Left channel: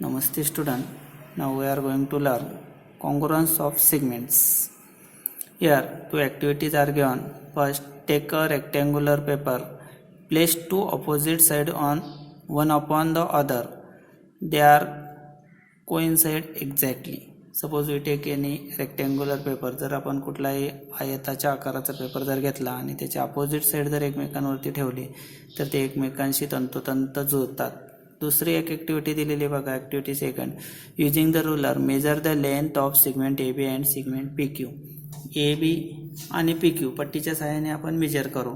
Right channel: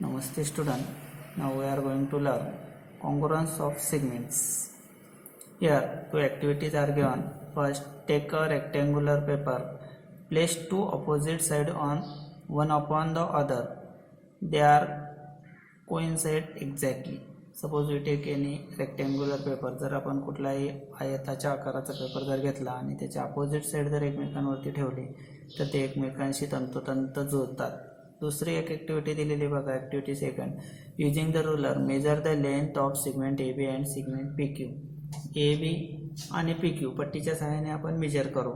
Namaste student. Now we are going to learn congruence of segments. Here two activities are given. First, take a rectangular paper, place two opposite sides on one upon the other. They are coincide exactly. Suppose we take any rectangular paper. जर आपण कुठलाही आयताच्या आकाराचा paper जर घेतला आणि त्याचे opposite side जर एकमेकांवरती ठेवले तर ते एकमेकांशी तंतोतंत जुळतात. दुसरी एक ॲक्टिव्हिटी दिलेली बघा. Activity second, using the ruler measure the length of segment A B and segment P Q. A B आणि पी क्यू पट्टीच्या सहाय्याने आपण मेजर करू.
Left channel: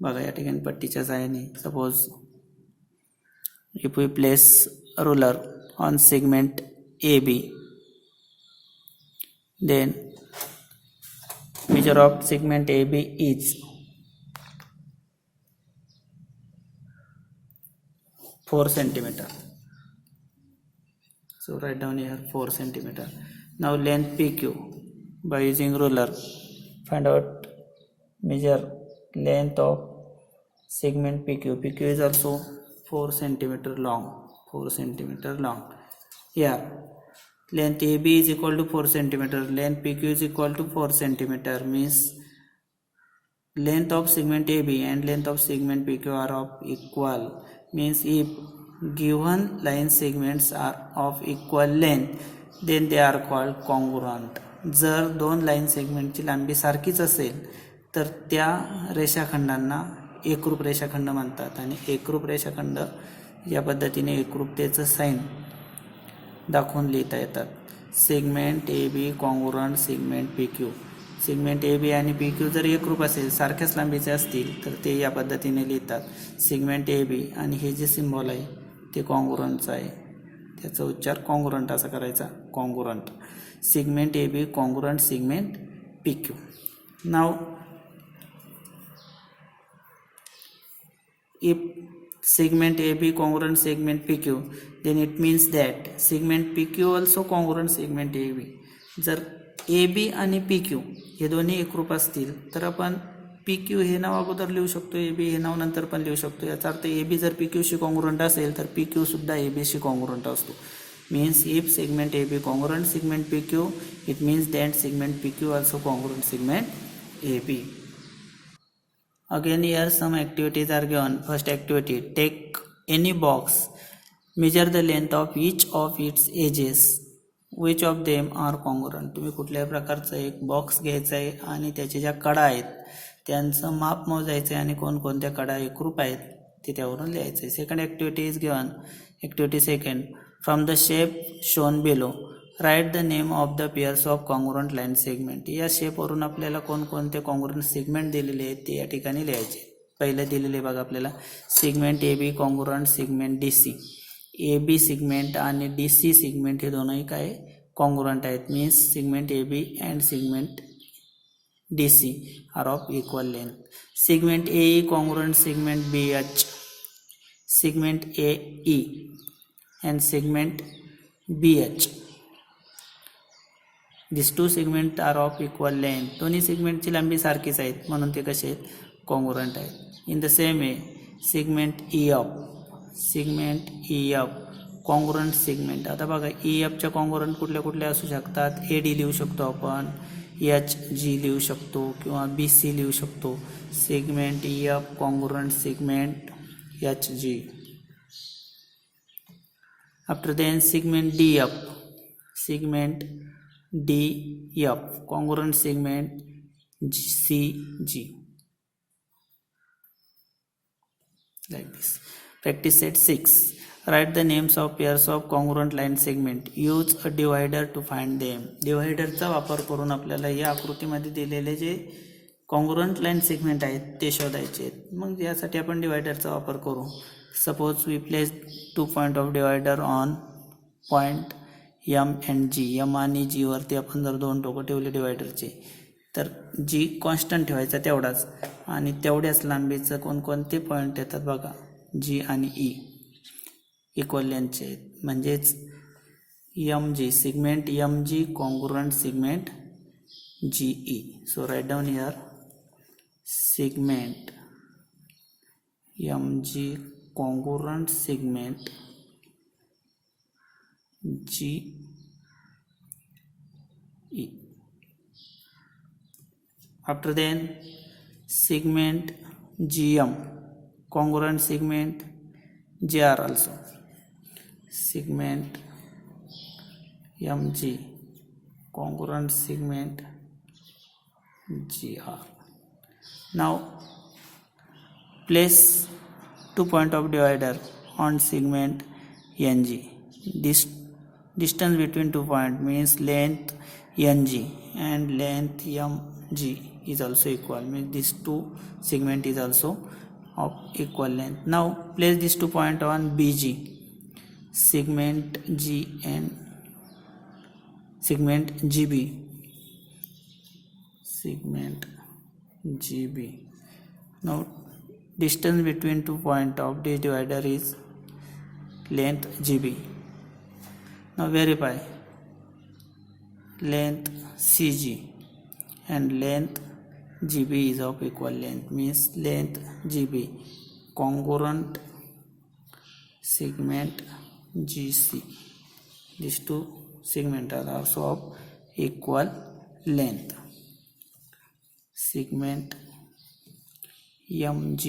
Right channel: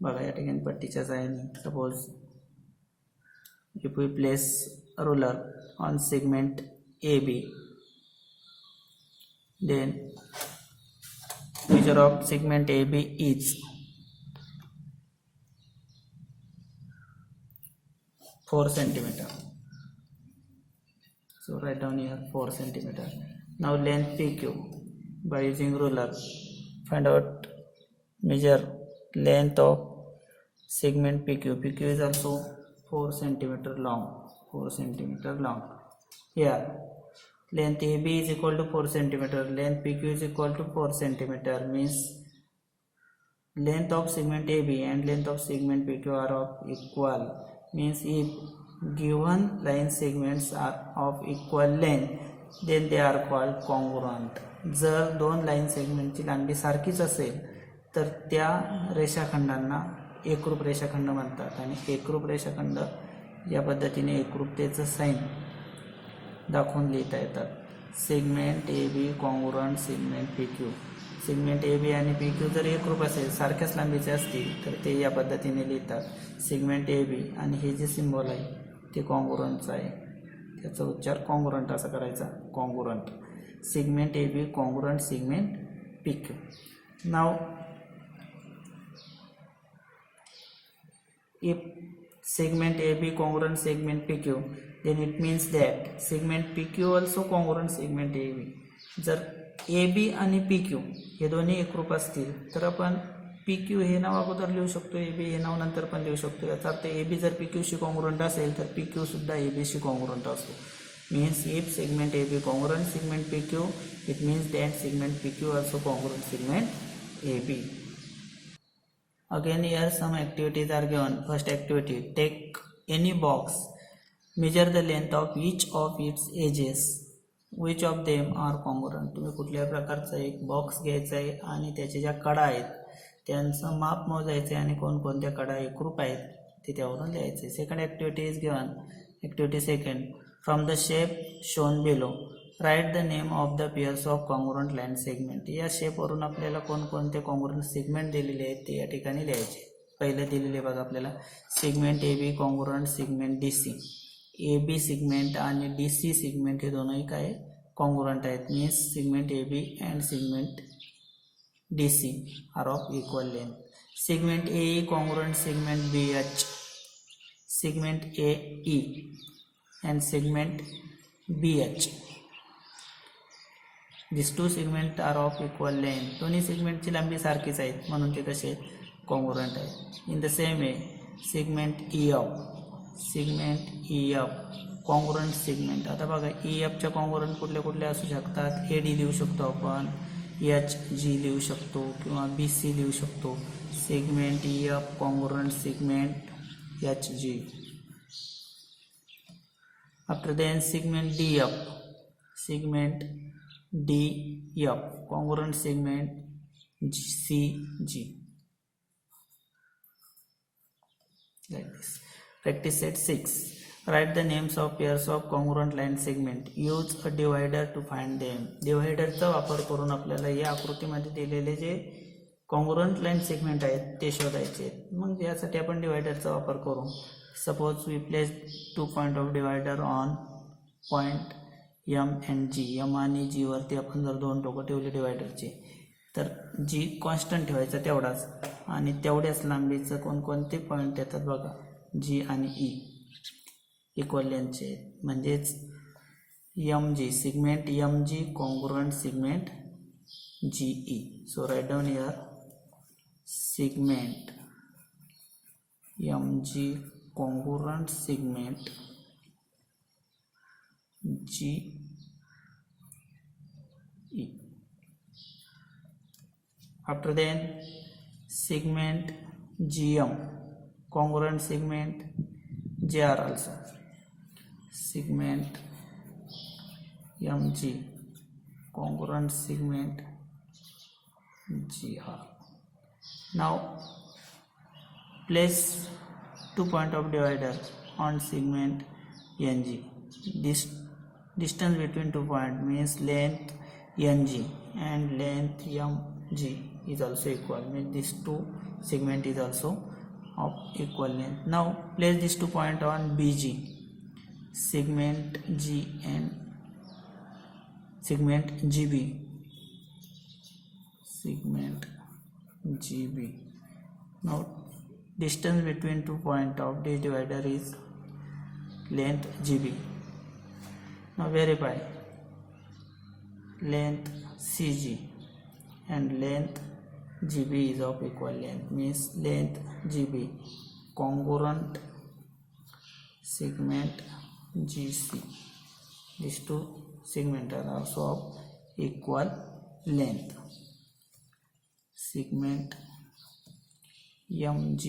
बघा या ठिकाणी पट्टीच्या सहाय्याने suppose if we place ruler on segment A B, then measure of segment AB is 4 centimeter. So write down here 4 centimeter. Now length PQ by using ruler find out measure length of segment PQ. PQ is also 4 centimeter long. 4 centimeter long. Here length AB is equal to 4 centimeter. Length PQ is equal to 4 centimeter. Means length of segment AB and length of segment PQ are of equal. Means if given line segments are of equal length, then they are called congruent. जर दोन line सेगमेंटची लांबी सारखीच असेल तर त्या रेषाखंडांना एकरूप रेषाखंड म्हणतात. आणि एकरूप रेषाखंड या पद्धतीने एकरूपतेचं साइन दाखवून लिहिता येतात. Segment A B congruent segment P Q. Segment A B आणि पी क्यू जर एकरूप असेल, सारख्याच लांबीचे असतील तर ते या पद्धतीने लिहितात. सेगमेंट ए बी आणि हे जे सिम्बॉल आहे ते कॉन्ग्रुएंटचं आहे, त्याचा उच्चार कॉन्ग्रुएंट असा करायचा. Congruent segment A B congruent segment P Q. नाव if segment AB congruent segment PQ, then it means that segment PQ also congruent segment AB. जर AB आणि PQ हे दोन्ही एकरूप असतील तर आपण PQ हे नाव अगोदर लिहू शकतो, AB हे नाव नंतर पण लिहू शकतो. याचा अर्थ AB जर PQ शी कॉन्ग्रुएंट असेल तर PQ सुद्धा AB शी कॉन्ग्रुएंट असतो. Means if segment AB congruent segment PQ, it means that segment PQ also congruent segment AB. Again here some activities are given. First activity, take any box, measure the length of each of its edges, which of them are congruent. तुम्ही कुठल्याही प्रकारचा एक box घ्यायचा आहे आणि त्याच्या ज्या कडा आहेत त्यांचं माप मोजायचं आहे आणि कोणकोणत्या कडा एकरूप आहेत ते त्यावरून लिहायचं आहे. Second activity is given. Activity second, from the shape shown below write the name of the pairs of congruent line segment. या शेपवरून आपल्याला कोणकोणते कॉन्ग्रुएंट सेगमेंट दिलेले आहेत ते या ठिकाणी लिहायचे. पहिले दिलेले बघा आपल्याला segment A B congruent segment D C. A B segment आणि डी सी सेगमेंट हे दोनही काय कॉन्ग्रुएंट आहेत. Means segment A B and segment D C are of equal length. Segment A E congruent segment B H, segment A E and segment B H. This two segment are of equal length. दोन्ही सेगमेंटची लांबी सारखीच आहेत म्हणून ते कसे आहेत congruent आहेत. In the same way segment E F, segment E F congruent segment. आता बघा ई एफच्या कॉन्ग्रुएंट कुठले कुठले असू शकतात. ए डी लिहू शकतो आपण, एच जी लिहू शकतो किंवा बी सी लिहू शकतो. Segment E F congruent segment H G. After then segment D F, segment DF congruent segment CG. Like this. Practice set 6. Write the names of pairs of congruent line segment. Use a divider to find them. डिवायडरचा वापर करून आपल्याला या आकृतीमध्ये दिलेले जे congruent line segment आहेत ते शोधायचे आहेत. मग यासाठी आपण डिवायडरचा वापर करू. Suppose we place 2 point of divider on point M and G. M आणि जी वरती आपण जर दोन टोकं ठेवले डिवायडरचे तर जी कॉन्स्टंट ठेवायचा तेवढाच आणि तेवढ्याच लांबीचं कोणकोणते पॉईंट येतात बघा. जी आणि ई इक्वल लेंथचे आहेत. म्हणजेच M G segment M G congruent segment G E. So right down here segment M G congruent segment G E. After then segment GM, congruent segment GR also, segment MG, congruent segment GR. Now place 2 point of divider on segment NG. This distance between 2 points means length NG and length MG is also equal, means this two segment is also of equal length. Now place these 2 points on BG, segment G and segment GB, segment GB. Now distance between 2 points of this divider is length GB. Now verify length CG and length GB is of equal length, means length GB congruent segment GC. These two segments are also of equal length. Segment MG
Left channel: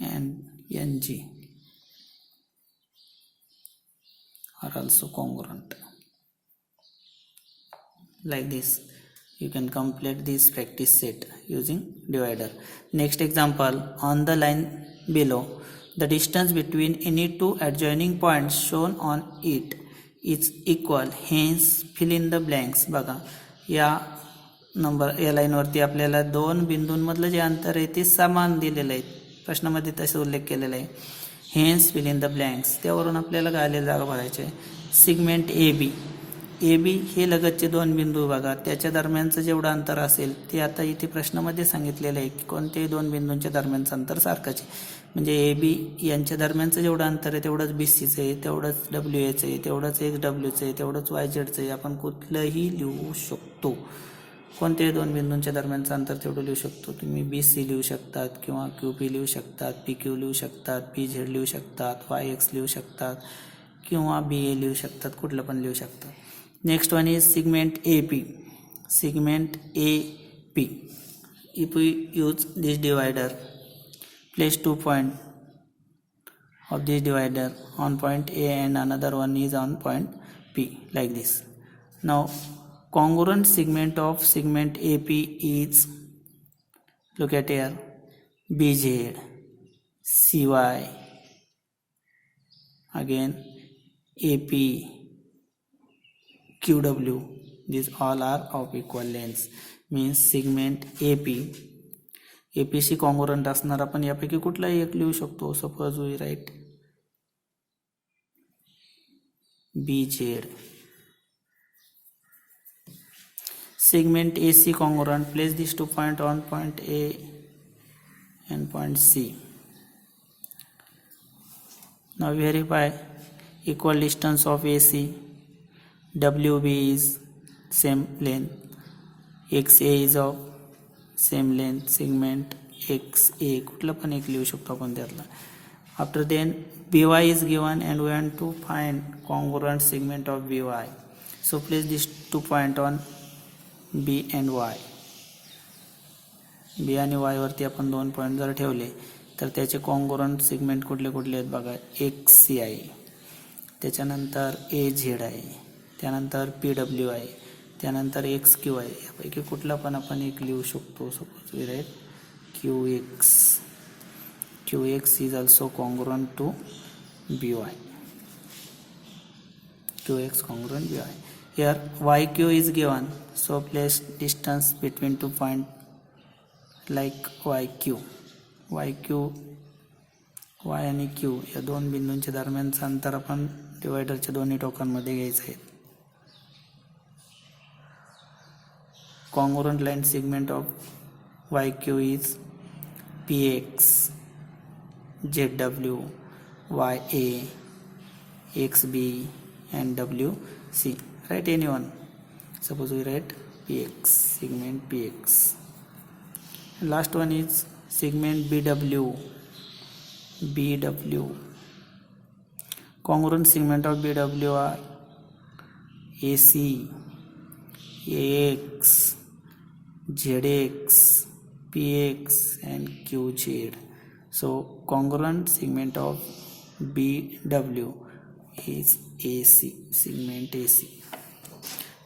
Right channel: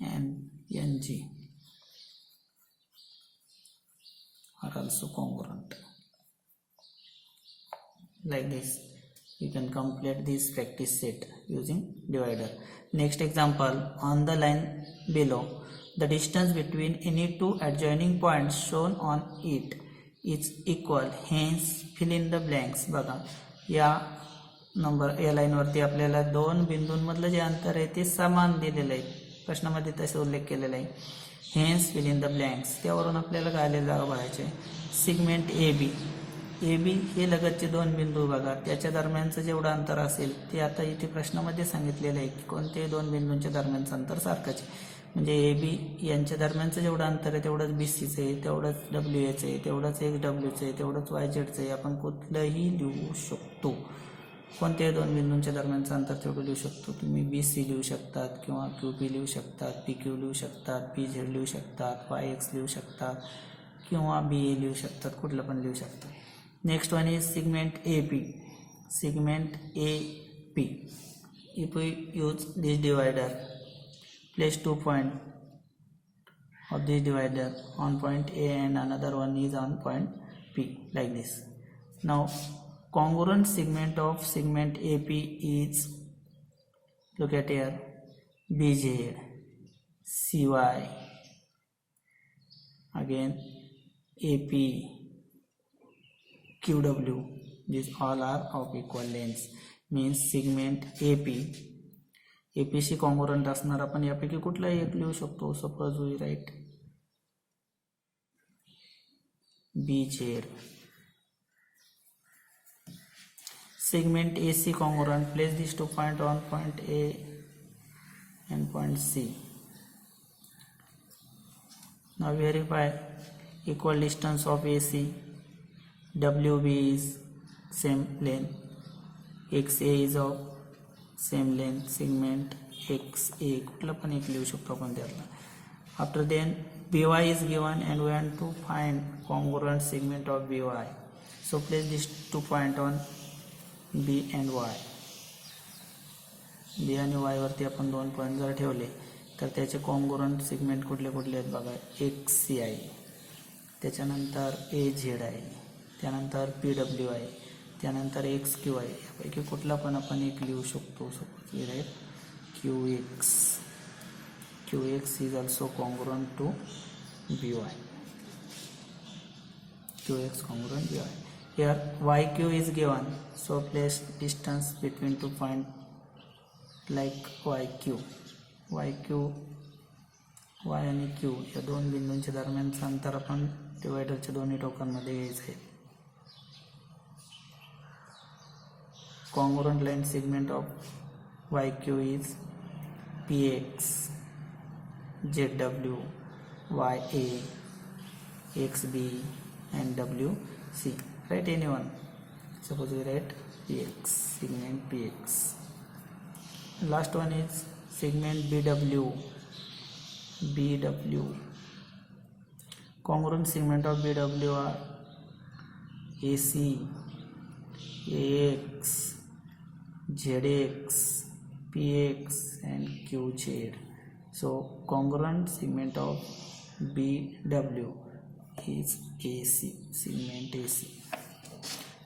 and NG are also congruent. Like this you can complete this practice set using divider. Next example, on the line below, the distance between any two adjoining points shown on it is equal, hence fill in the blanks. बघा या लाईनवरती आपल्याला दोन बिंदूंमधलं जे अंतर आहे ते समान दिलेलं आहे, प्रश्नामध्ये तसे उल्लेख केलेला आहे. Hence fill in the blanks, त्यावरून आपल्याला गायलेली जागा भरायची. सिगमेंट ए बी हे लगतचे दोन बिंदू बघा, त्याच्या दरम्यानचं जेवढं अंतर असेल ते आता इथे प्रश्नामध्ये सांगितलेलं आहे की कोणत्याही दोन बिंदूंच्या दरम्यानचं अंतर सारखंच आहे. म्हणजे ए बी यांच्या दरम्यानचं जेवढं अंतर आहे तेवढंच बी सीचं आहे, तेवढंच डब्ल्यू एचं आहे, तेवढंच एक्स डब्ल्यूचं आहे, तेवढंच वाय झेडचं आहे. आपण कुठलंही लिहू शकतो, कोणत्याही दोन बिंदूंच्या दरम्यानचं अंतर तेवढं लिहू शकतो. तुम्ही बी सी लिहू शकतात किंवा क्यू पी लिहू शकतात, पी क्यू लिहू शकतात, पी झेड लिहू शकतात, वाय एक्स लिहू शकतात किंवा बी ए लिहू शकतात, कुठलं पण लिहू शकतात. Next one is segment A P. Segment A P, if we use this divider, place 2 points of this divider on point A and another one is on point P, like this. Now congruent segment of segment AP is, look at here, BZ, CY, again AP, QW, these all are of equal lengths, means segment APC congruent असणार. आपण यापैकी कुठलाही एक लिहू शकतो. Suppose we write BZ. Segment AC congruent, place these 2 points on point A and point C. Now verify equal distance of AC. WB is same length, XA is of same length, segment XA कुठला पण एक लिहू शकतो आपण त्यातला. After then BY is given and we want to find congruent segment of BY. So place these 2 points on B and Y. B आणि Y वरती आपण 2 पॉईंट जर ठेवले तर त्याचे कॉन्ग्रुएंट सेगमेंट कुठले कुठले आहेत बघा. XC आहे, त्याच्यानंतर AZ आहे, त्यानंतर PW आहे, त्यानंतर XQ आहे. यापैकी कुठला पण आपण एक लिहू शकतो. Suppose we write QX. QX is also congruent to BY. QX congruent BY. Here YQ is given, so place distance between 2 points like YQ. Y आणि Q या दोन बिंदूंच्या दरम्यानचं अंतर आपण डिवायडरच्या दोन्ही टोकांमध्ये घ्यायचं आहे. Congruent line segment of YQ is PX, ZW, YA, XB and WC. Write anyone. Suppose we write PX, segment PX. Last one is segment BW. congruent segment of BW are AC, AX, ZX, PX and QZ. So congruent segment of BW is AC, segment AC.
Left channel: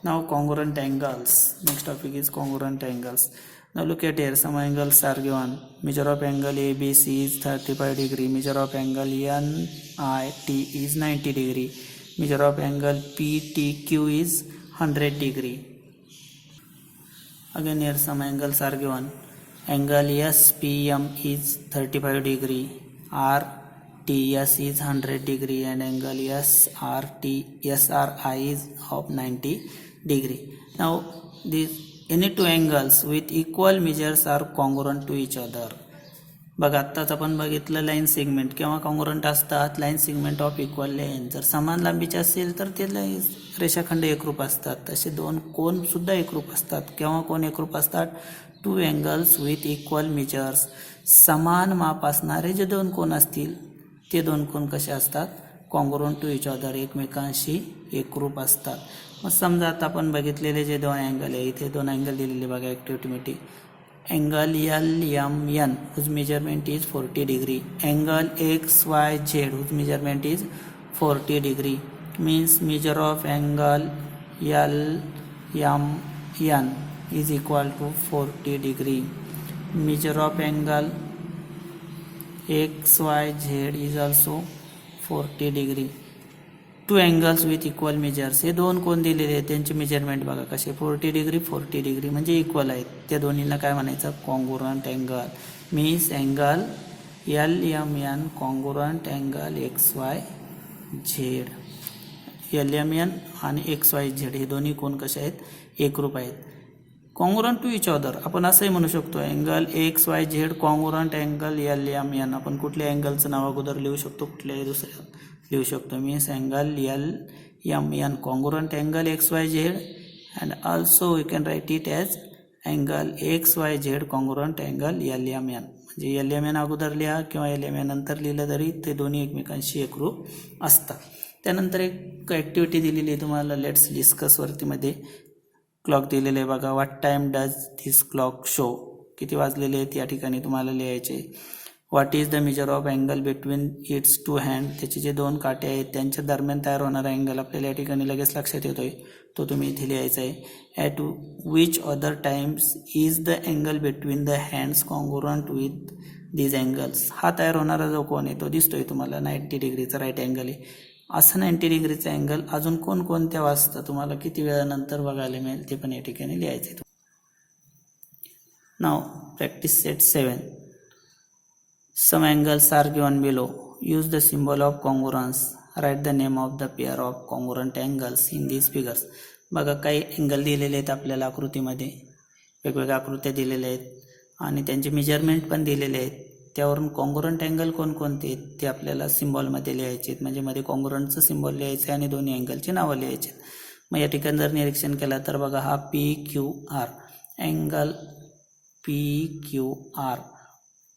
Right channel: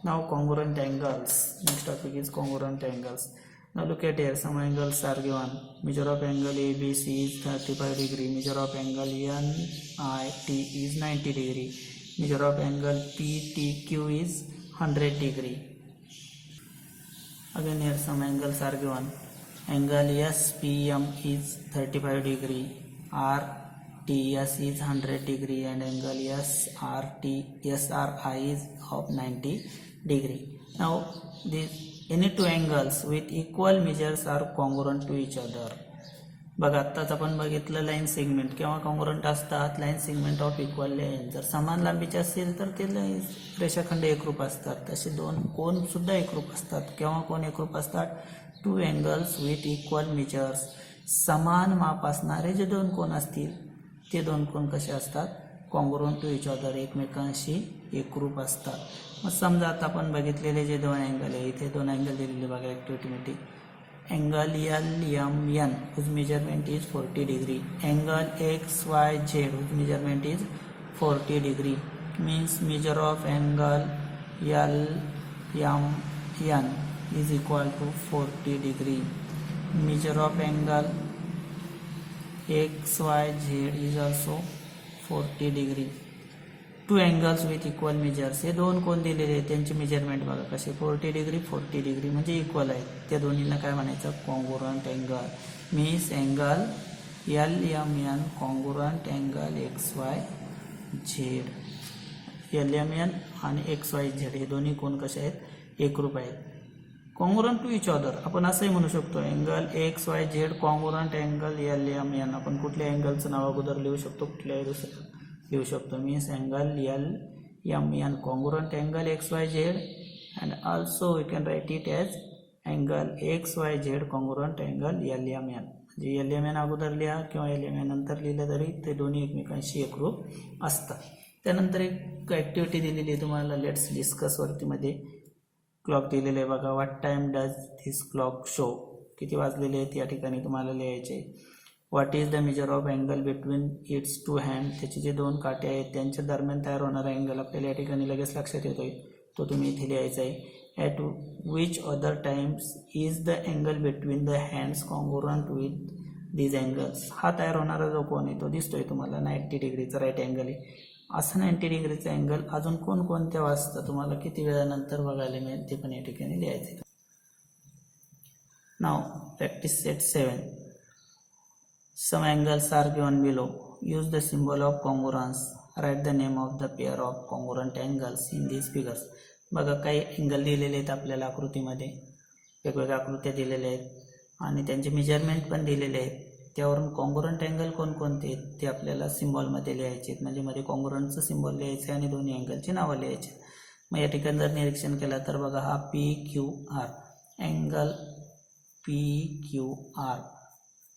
Now congruent angles. Next topic is congruent angles. Now look at here, some angles are given. Measure of angle ABC is 35 degree. Measure of angle NIT is 90 degree. Measure of angle PTQ is 100 degree. Again here some angles are given. Angle SPM is 35 degree. RTS is 100 degree and angle SRI is of 90 degree. Now any two angles with equal measures are congruent to each other. बघा आत्ताच आपण बघितलं line segment केव्हा congruent असतात, line segment of equal length जर समान लांबीचे असेल तर ते रेषाखंड एकरूप असतात. तसे दोन कोन सुद्धा एकरूप असतात. केव्हा कोन एकरूप असतात? Two angles with equal measures. समान माप असणारे जे दोन कोन असतील ते दोन कोन कसे असतात? कॉंग्रुएंट टू इच अदर, एकमेकांशी एकरूप असतात. मग समजा आता आपण बघितलेले जे दोन अँगल आहे, इथे दोन अँगल दिलेले बघा ॲक्टिव्हिटीमध्ये. Angle LMN whose measurement is 40 degree. Angle XYZ whose measurement is 40 degree. Means measure of angle LMN is equal to 40 degree. Measure of angle XYZ is also 40 degree. Two angles with equal measures. हे दोन कोण दिलेले आहेत त्यांचे measurement बघा कसे 40 degree 40 degree म्हणजे equal आहेत. त्या दोन्हींना काय म्हणायचं? Congruent angle. Means angle LMN congruent angle XYZ. LMN आणि XYZ हे दोन्ही कोण कसे आहेत? एकरूप आहेत. कॉंग्रुएंट टू इच अदर आपण असंही म्हणू शकतो angle XYZ congruent angle LMN. आपण कुठल्या अँगलचं नाव अगोदर लिहू शकतो, कुठल्याही दुसऱ्या लिहू शकतो. Means angle LMN congruent angle XYZ and also we can write it as angle XYZ congruent angle LMN. म्हणजे LMN अगोदर लिहा किंवा LMN नंतर लिहिलं तरी ते दोन्ही एकमेकांशी एकरूप असतात. त्यानंतर एक ॲक्टिव्हिटी दिलेली आहे तुम्हाला, लेट्स डिस्कस वरतीमध्ये क्लॉक दिलेले आहे बघा. What time does this clock show. किती वाजलेले आहेत या ठिकाणी तुम्हाला लिहायचे. What is the measure of angle between its two hand. त्याचे जे दोन काटे आहेत त्यांच्या दरम्यान तयार होणारा अँगल आपल्याला या ठिकाणी लगेच लक्षात येतोय, तो तुम्ही इथे लिहायचा आहे. At which other times is the angle between the hands congruent with these angles. हा तयार होणारा जो कोण आहे तो दिसतोय तुम्हाला 90 डिग्रीचा राईट अँगल आहे. असं 90 डिग्रीचा अँगल अजून कोणकोणत्या वाजता तुम्हाला किती वेळानंतर बघायला मिळेल ते पण या ठिकाणी लिहायचं आहे. नाव practice set 7. Some angles are given below. Use the symbol of congruence. Write the name of the pair of congruent angles in these figures. बघा काही अँगल दिलेले आहेत आपल्याला आकृतीमध्ये, वेगवेगळ्या आकृत्या दिलेल्या आहेत आणि त्यांचे मेजरमेंट पण दिलेले आहेत. त्यावरून कॉंग्रुएंट अँगल कोणकोणते आहेत ते आपल्याला सिम्बॉलमध्ये लिहायचे आहेत. म्हणजे मध्ये कॉंग्रुएंटचं सिम्बॉल लिहायचं आहे आणि दोन्ही अँगलची नावं लिहायची आहेत. मग या ठिकाणी जर निरीक्षण केलं तर बघा हा PQR angle PQR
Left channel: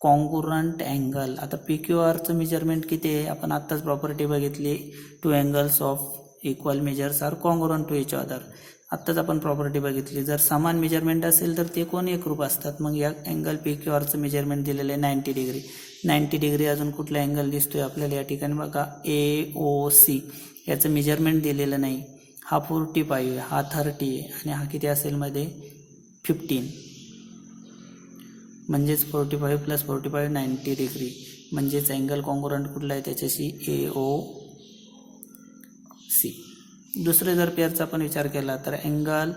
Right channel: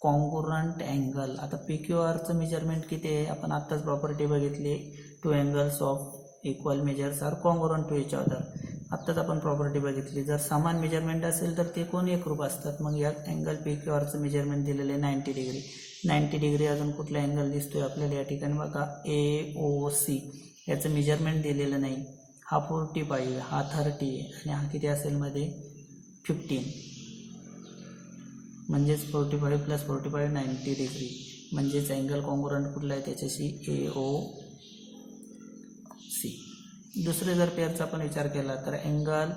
congruent angle. आता PQRचं मेजरमेंट किती आहे? आपण आत्ताच प्रॉपर्टी बघितली, two angles of equal measures are congruent to each other. आत्ताच आपण प्रॉपर्टी बघितली, जर समान मेजरमेंट असेल तर ते कोण एकरूप असतात. मग या अँगल PQRचं मेजरमेंट दिलेलं आहे 90 डिग्री. 90 डिग्री अजून कुठला अँगल दिसतोय आपल्याला या ठिकाणी बघा AOC. याचं मेजरमेंट दिलेलं नाही. हा 45 आहे, हा 30 आहे आणि हा किती असेल मध्ये 15. म्हणजेच 45 + 45 90 डिग्री. म्हणजेच अँगल कॉंग्रुएंट कुठला आहे त्याच्याशी AOC. दुसरे जर पेअरचा आपण विचार केला तर angle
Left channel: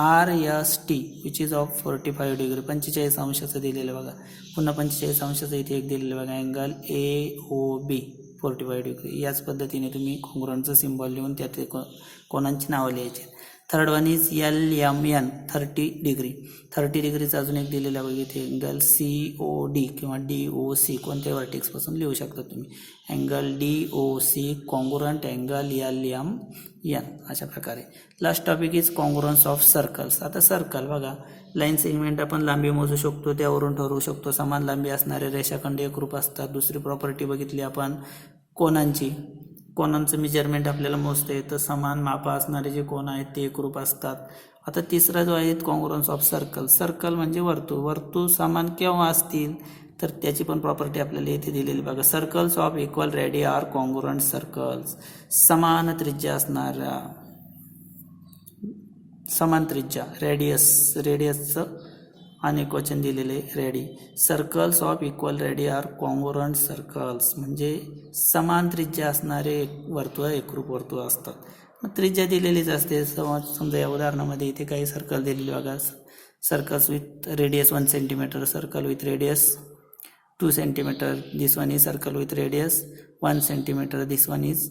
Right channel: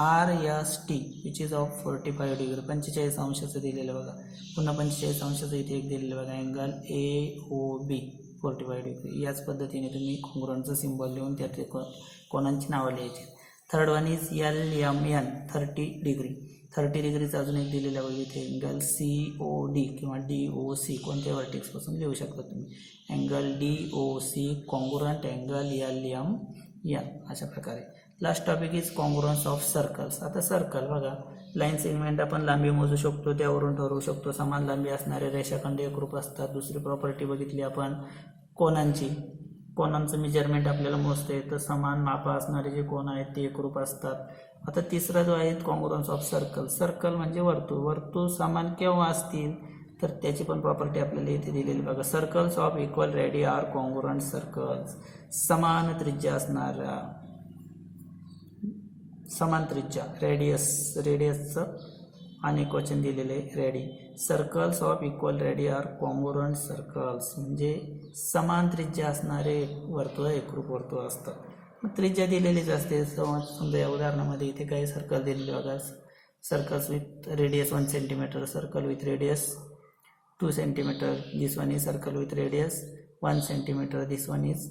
RST which is of 45 degree. 45 अंशाचं दिलेलं बघा. पुन्हा 45 अंशाचं इथे एक दिलेलं बघा अँगल AOB 45 डिग्री. याच पद्धतीने तुम्ही कॉंग्रुएंटचं सिम्बॉल लिहून त्यात कोणांची नावं लिहायची. Third one is LMN 30 degree. 30 डिग्रीचं अजून एक दिलेलं बघा इथे अँगल COD किंवा DOC कोणत्या व्हर्टेक्सपासून लिहू शकता तुम्ही. Angle DOC congruent angle LMN अशा प्रकारे. Last topic is congruence of circles. आता सर्कल बघा, लाईन सेगमेंट आपण लांबी मोजू शकतो, त्यावरून ठरवू शकतो समान लांबी असणारे रेषाखंड एकरूप असतात. दुसरी प्रॉपर्टी बघितली आपण कोनांचं मेजरमेंट आपल्याला मोजता येतं. समान मापा असणारे जे कोन आहेत ते एकरूप असतात. आता तिसरा जो आहे कॉंग्रुअन्स ऑफ सर्कल. सर्कल म्हणजे वर्तुळ समान केव्हा असतील तर त्याची पण प्रॉपर्टी आपल्याला इथे दिलेली बघा. Circles of equal radii are congruent circles. समान त्रिज्या असणाऱ्या समान त्रिज्या रेडियसचं अनेक वचन दिलेले radii. Circles of equal radii are congruent circles म्हणजे समान त्रिज्या असणारे वर्तुळ एकरूप वर्तुळ असतात. मग त्रिज्या दिलेलीच असते. समजा या उदाहरणामध्ये इथे काही सर्कल दिलेली बघा. Circles with radius 1 centimetre, circle with radius 2 centimetre, this one is circle with radius 1 centimetre, this one is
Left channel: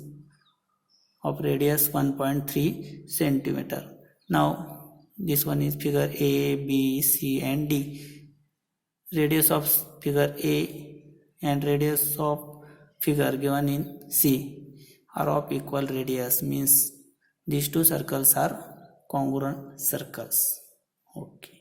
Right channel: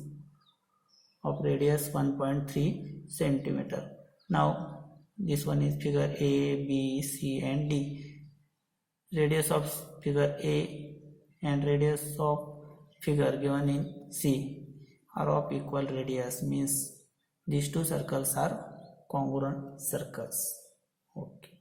of radius 1.3 centimeter. Now this one is figure A, B, C and D. Radius of figure A and radius of figure given in C are of equal radius, means these two circles are congruent circles. Okay.